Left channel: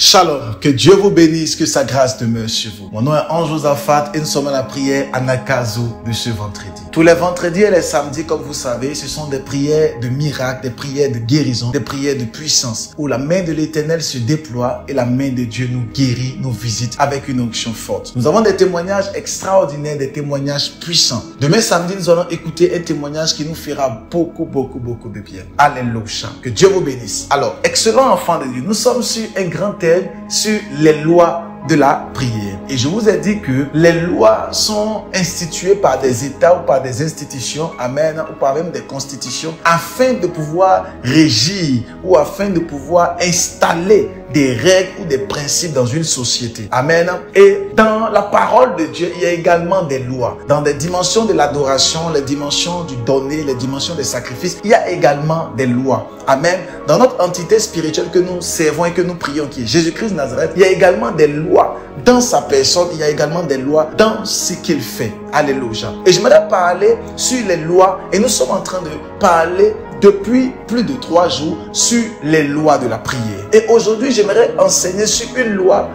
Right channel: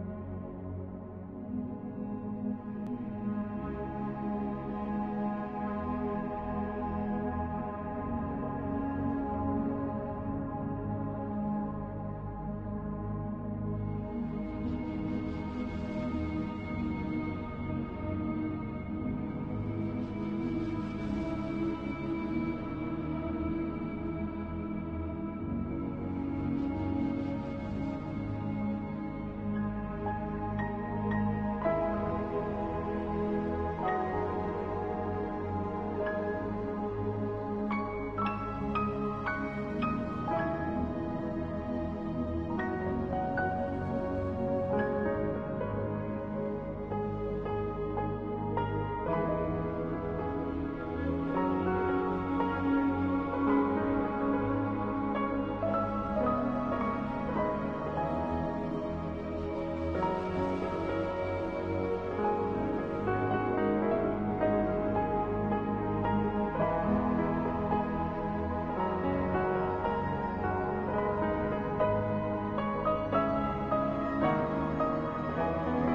Shalom, que Dieu vous bénisse, que sa grâce demeure sur vous. Mon nom est Ange Josaphat et nous sommes à la prière à Nakazo de ce vendredi. Tous les vendredis et les samedis, comme vous savez, ce sont des prières de miracles, des prières de guérison, des prières de puissance, où la main de l'Éternel se déploie et la main de Dieu nous guérit, nous visite avec une onction forte. Nous avons des témoignages extraordinaires, des témoignages puissants. Demain samedi, nous allons écouter un témoignage qui nous fera beaucoup de bien. Alléluia. Que Dieu vous bénisse. Alors, excellent enfant de Dieu, nous sommes sur un grand thème, sur les lois de la prière. Et je vous ai dit que les lois sont instituées par des États ou par des institutions, amen, ou par même des constitutions, afin de pouvoir régir ou afin de pouvoir installer des règles ou des principes dans une société. Amen. Et dans la parole de Dieu, il y a également des lois. Dans des dimensions de l'adoration, les dimensions du donner, les dimensions des sacrifices, il y a également des lois. Amen. Dans notre entité spirituelle que nous servons et que nous prions, qui est Jésus-Christ de Nazareth, il y a également des lois. Dans sa personne, il y a également des lois dans ce qu'il fait. Alléluia. Et j'aimerais parler sur les lois, et nous sommes en train de parler depuis plus de 3 jours sur les lois de la prière. Et aujourd'hui, j'aimerais enseigner sur une loi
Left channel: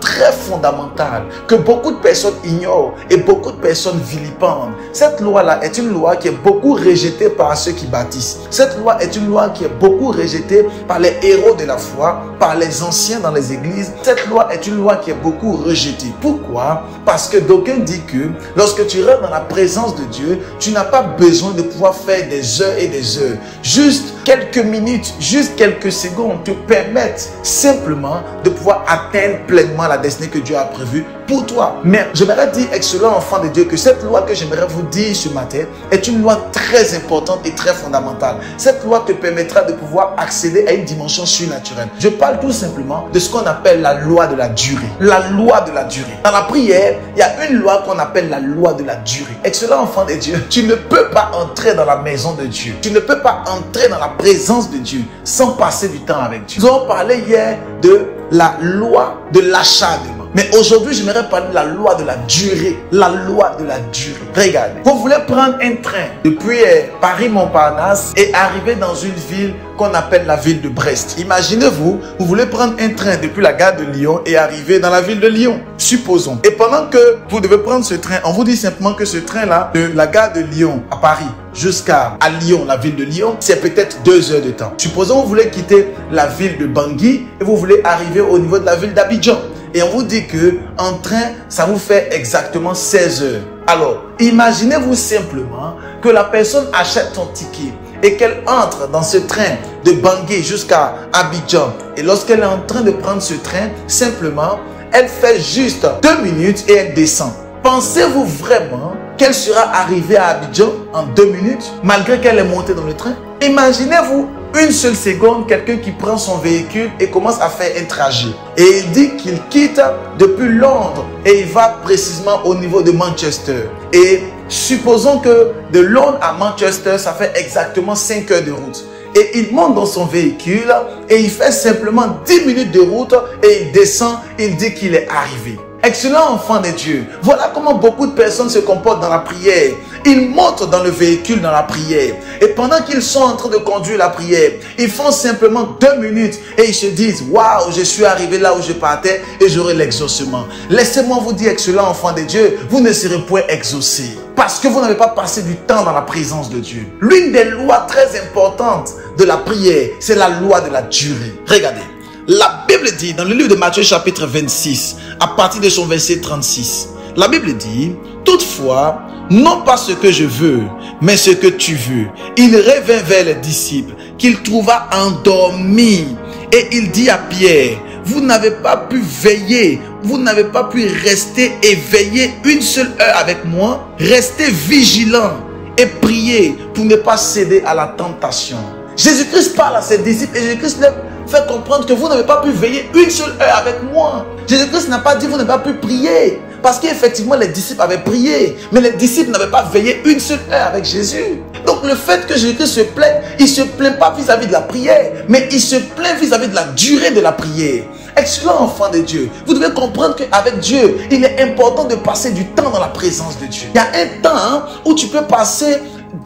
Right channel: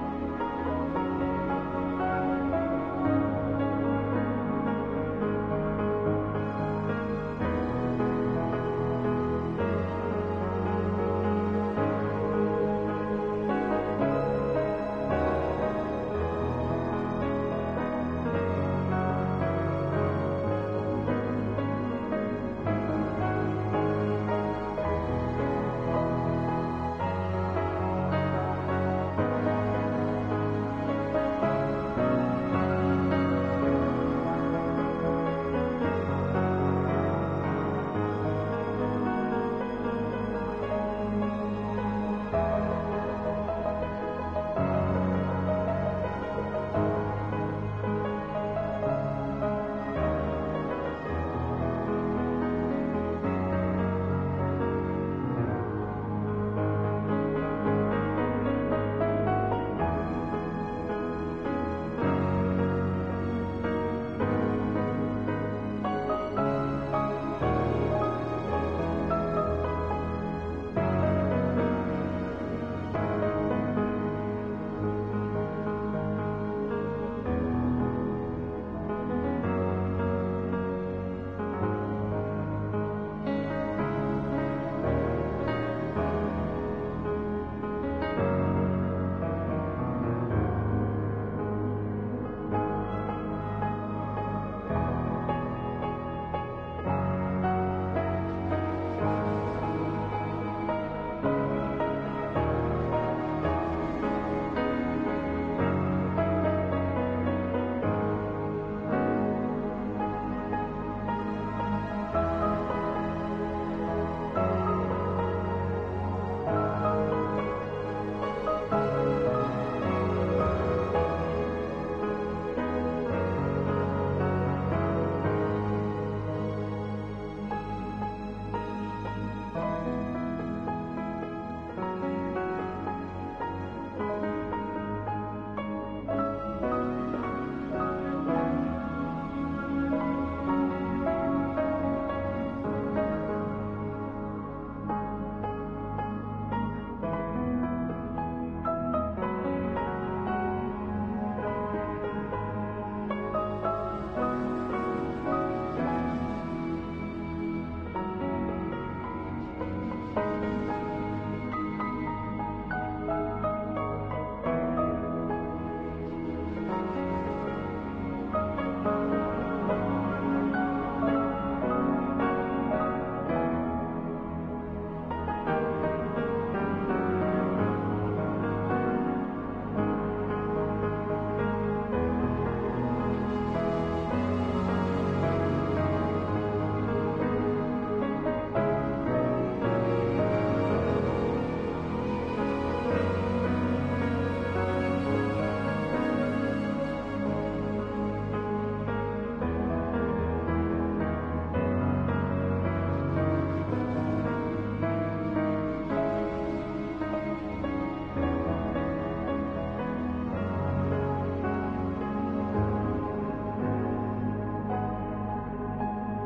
très fondamentale que beaucoup de personnes ignorent et beaucoup de personnes vilipendent. Cette loi-là est une loi qui est beaucoup rejetée par ceux qui bâtissent. Cette loi est une loi qui est beaucoup rejetée par les héros de la foi, par les anciens dans les églises. Cette loi est une loi qui est beaucoup rejetée. Pourquoi? Parce que d'aucuns disent que lorsque tu rentres dans la présence de Dieu, tu n'as pas besoin de pouvoir faire des heures et des heures. Juste quelques minutes, juste quelques secondes te permettent simplement de pouvoir atteindre pleinement la destinée que Dieu a prévue pour toi. Mais j'aimerais dire, excellent enfant de Dieu, que cette loi que j'aimerais vous dire ce matin est une loi très importante et très fondamentale. Cette loi te permettra de pouvoir accéder à une dimension surnaturelle. Je parle tout simplement de ce qu'on appelle la loi de la durée. La loi de la durée. Dans la prière, il y a une loi qu'on appelle la loi de la durée. Excellent enfant de Dieu, tu ne peux pas entrer dans la maison de Dieu. Tu ne peux pas entrer dans la présence de Dieu sans passer du temps avec Dieu. Nous avons parlé hier de la loi de l'acharnement. Mais aujourd'hui, j'aimerais parler de la loi de la durée. La loi de la durée. Regardez, vous voulez prendre un train depuis Paris-Montparnasse et arriver dans une ville qu'on appelle la ville de Brest. Imaginez-vous, vous voulez prendre un train depuis la gare de Lyon et arriver dans la ville de Lyon. Supposons. Et pendant que vous devez prendre ce train, on vous dit simplement que ce train-là, de la gare de Lyon à Paris jusqu'à Lyon, la ville de Lyon, c'est peut-être 2 heures de temps. Supposons que vous voulez quitter la ville de Bangui et vous voulez arriver au niveau de la ville d'Abidjan. Et on vous dit que en train, ça vous fait exactement 16 heures. Alors, imaginez-vous simplement que la personne achète son ticket et qu'elle entre dans ce train de Bangui jusqu'à Abidjan. Et lorsqu'elle est en train de prendre ce train, simplement, elle fait juste 2 minutes et elle descend. Pensez-vous vraiment qu'elle sera arrivée à Abidjan en 2 minutes, malgré qu'elle est montée dans le train? Imaginez-vous une seule seconde, quelqu'un qui prend son véhicule et commence à faire un trajet. Et il dit qu'il quitte depuis Londres et il va précisément au niveau de Manchester. Et supposons que de Londres à Manchester, ça fait exactement 5 heures de route. Et il monte dans son véhicule et il fait simplement 10 minutes de route et il descend, il dit qu'il est arrivé. Excellent enfant de Dieu. Voilà comment beaucoup de personnes se comportent dans la prière. Ils montent dans le véhicule dans la prière. Et pendant qu'ils sont en train de conduire la prière, ils font simplement 2 minutes et ils se disent, waouh, je suis arrivé là où je partais et j'aurai l'exaucement. Laissez-moi vous dire, excellent enfant de Dieu, vous ne serez point exaucé. Parce que vous n'avez pas passé du temps dans la présence de Dieu. L'une des lois très importantes de la prière, c'est la loi de la durée. Regardez. La Bible dit dans le livre de Matthieu chapitre 26, à partir de son verset 36, la Bible dit, toutefois, non pas ce que je veux, mais ce que tu veux. Il revint vers les disciples, qu'il trouva endormis, et il dit à Pierre, vous n'avez pas pu veiller, vous n'avez pas pu rester éveillé 1 seule heure avec moi. Restez vigilants et priez pour ne pas céder à la tentation. Jésus-Christ parle à ses disciples et Jésus-Christ leur fait comprendre que vous n'avez pas pu veiller 1 seule heure avec moi. Jésus-Christ n'a pas dit vous n'avez pas pu prier. Parce qu'effectivement les disciples avaient prié. Mais les disciples n'avaient pas veillé 1 seule heure avec Jésus. Donc le fait que Jésus-Christ se plaigne, il ne se plaint pas vis-à-vis de la prière. Mais il se plaint vis-à-vis de la durée de la prière. Excellent enfant de Dieu, vous devez comprendre qu'avec Dieu, il est important de passer du temps dans la présence de Dieu. Il y a un temps où tu peux passer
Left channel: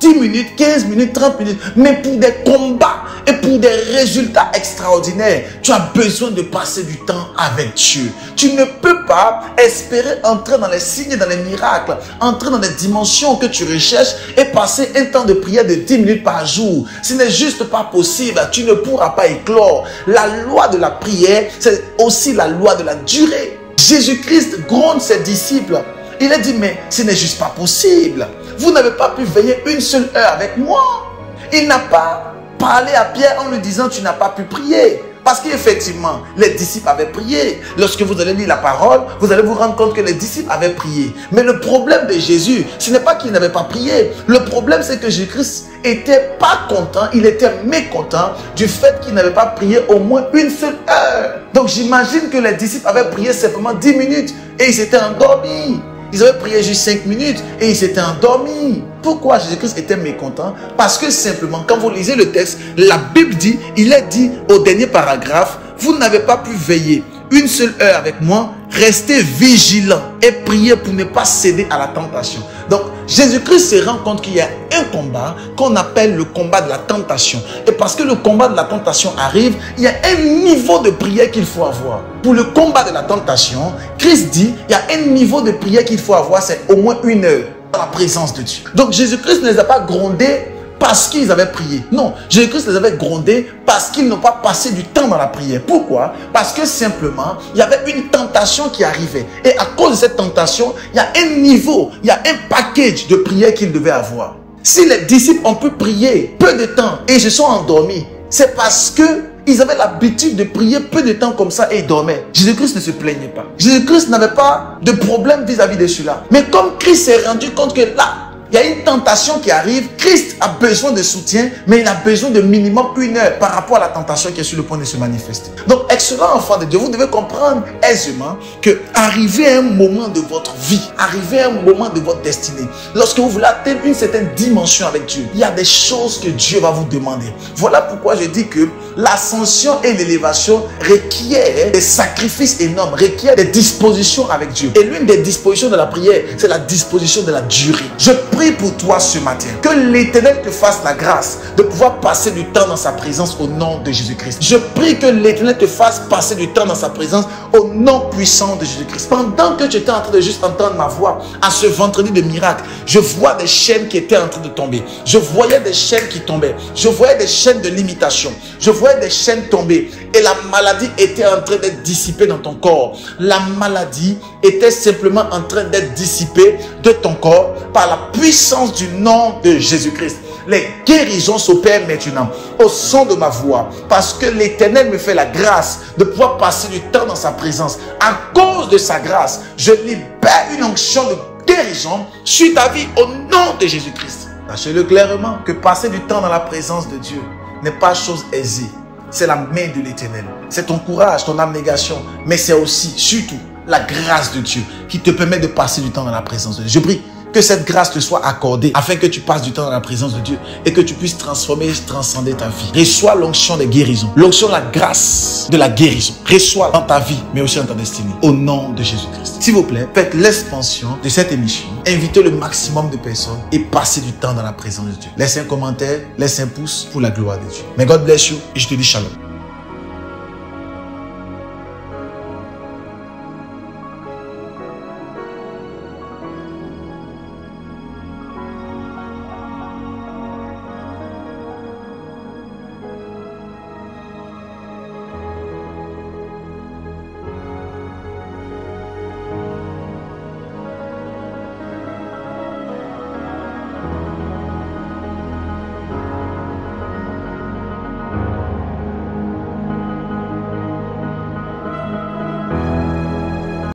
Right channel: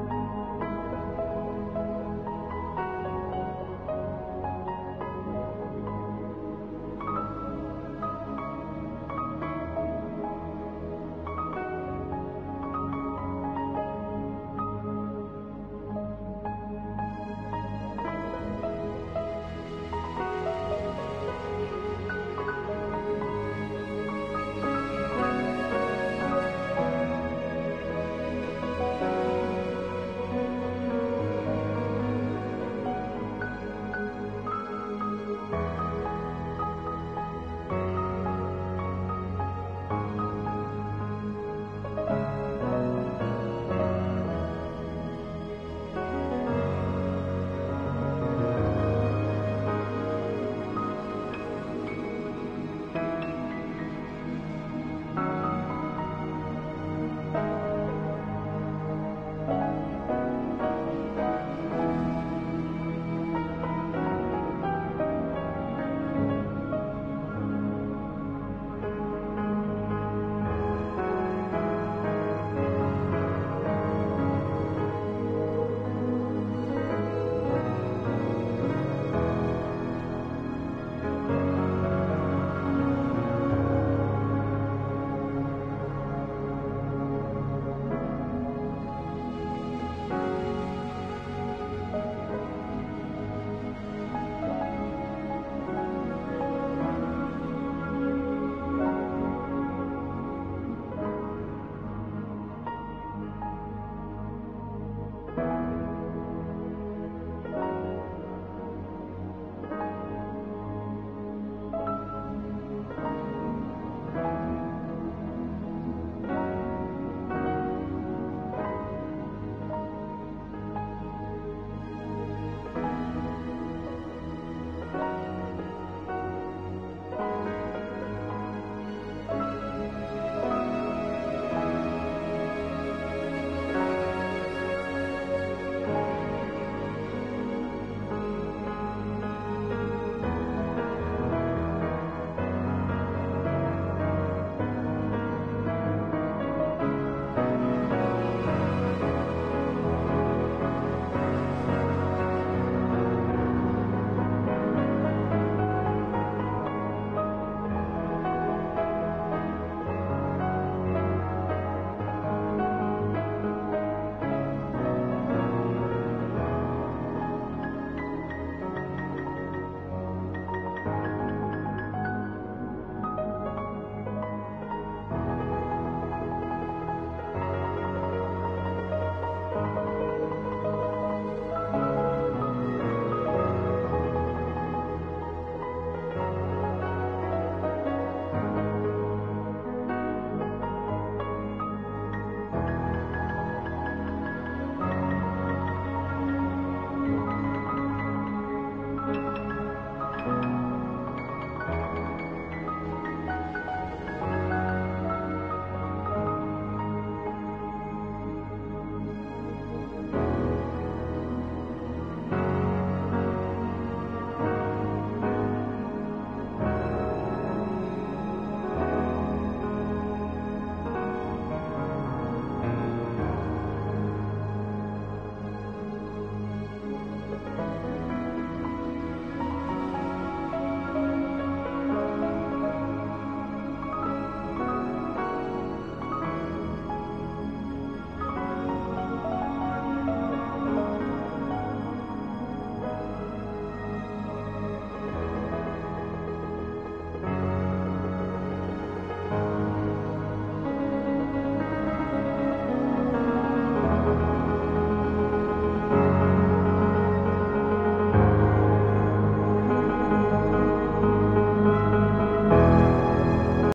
10 minutes, 15 minutes, 30 minutes, mais pour des combats et pour des résultats résultats extraordinaires, tu as besoin de passer du temps avec Dieu. Tu ne peux pas espérer entrer dans les signes, dans les miracles, entrer dans les dimensions que tu recherches et passer un temps de prière de 10 minutes par jour. Ce n'est juste pas possible. Tu ne pourras pas éclore. La loi de la prière, c'est aussi la loi de la durée. Jésus-Christ gronde ses disciples. Il a dit, mais ce n'est juste pas possible. Vous n'avez pas pu veiller une seule heure avec moi. Il n'a pas parlé à Pierre en lui disant, tu n'as pas pu prier. Parce qu'effectivement, les disciples avaient prié. Lorsque vous allez lire la parole, vous allez vous rendre compte que les disciples avaient prié. Mais le problème de Jésus, ce n'est pas qu'il n'avait pas prié. Le problème, c'est que Jésus-Christ n'était pas content, il était mécontent du fait qu'il n'avait pas prié au moins une seule heure. Donc j'imagine que les disciples avaient prié simplement 10 minutes et ils s'étaient endormis. Ils avaient prié juste 5 minutes et ils s'étaient endormis. Pourquoi Jésus-Christ était mécontent? Parce que simplement, quand vous lisez le texte, la Bible dit, il est dit au dernier paragraphe, vous n'avez pas pu veiller une seule heure avec moi, restez vigilant et priez pour ne pas céder à la tentation. Donc, Jésus-Christ se rend compte qu'il y a un combat qu'on appelle le combat de la tentation. Et parce que le combat de la tentation arrive, il y a un niveau de prière qu'il faut avoir. Pour le combat de la tentation, Christ dit, il y a un niveau de prière qu'il faut avoir, c'est au moins 1 heure dans la présence de Dieu. Donc, Jésus-Christ ne les a pas grondés parce qu'ils avaient prié. Non, Jésus-Christ les avait grondés parce qu'ils n'ont pas passé du temps dans la prière. Pourquoi? Parce que simplement, il y avait une tentation qui arrivait. Et à cause de cette tentation, il y a un niveau, il y a un package de prière qu'ils devaient avoir. Si les disciples ont pu prier peu de temps et se sont endormis, c'est parce que ils avaient l'habitude de prier peu de temps comme ça et ils dormaient. Jésus-Christ ne se plaignait pas. Jésus-Christ n'avait pas de problème vis-à-vis de cela. Mais comme Christ s'est rendu compte que là, il y a une tentation qui arrive, Christ a besoin de soutien, mais il a besoin de minimum 1 heure par rapport à la tentation qui est sur le point de se manifester. Donc, excellent enfant de Dieu, vous devez comprendre aisément que arrivé à un moment de votre vie, arrivé à un moment de votre destinée, lorsque vous voulez atteindre une certaine dimension avec Dieu, il y a des choses que Dieu va vous demander. Voilà pourquoi je dis que l'ascension et l'élévation requièrent des sacrifices énormes, requièrent des dispositions avec Dieu. Et l'une des dispositions de la prière, c'est la disposition de la durée. Je prie pour toi ce matin, que l'Éternel te fasse la grâce de pouvoir passer du temps dans sa présence au nom de Jésus-Christ. Je prie que l'Éternel te fasse passer du temps dans sa présence au nom puissant de Jésus-Christ. Pendant que tu étais en train de juste entendre ma voix, à ce vendredi de miracle, je vois des chaînes qui étaient en train de tomber. Je voyais des chaînes qui tombaient. Je voyais des chaînes de limitation. Je voyais des chaînes tomber. Et la maladie était en train d'être dissipée dans ton corps. La maladie était simplement en train d'être dissipée de ton corps par la puissance du nom de Jésus-Christ. Les guérisons s'opèrent maintenant au son de ma voix parce que l'Éternel me fait la grâce de pouvoir passer du temps dans sa présence. À cause de sa grâce, je libère une onction de guérison sur ta vie au nom de Jésus-Christ. Sachez-le clairement que passer du temps dans la présence de Dieu n'est pas chose aisée. C'est la main de l'Éternel. C'est ton courage, ton abnégation, mais c'est aussi, surtout, la grâce de Dieu qui te permet de passer du temps dans la présence de Dieu. Je prie que cette grâce te soit accordée afin que tu passes du temps dans la présence de Dieu et que tu puisses transformer et transcender ta vie. Reçois l'onction des guérisons, l'onction, la grâce de la guérison. Reçois dans ta vie, mais aussi dans ta destinée, au nom de Jésus-Christ. S'il vous plaît, faites l'expansion de cette émission. Invitez le maximum de personnes et passez du temps dans la présence de Dieu. Laissez un commentaire, laissez un pouce pour la gloire de Dieu. May God bless you et je te dis shalom.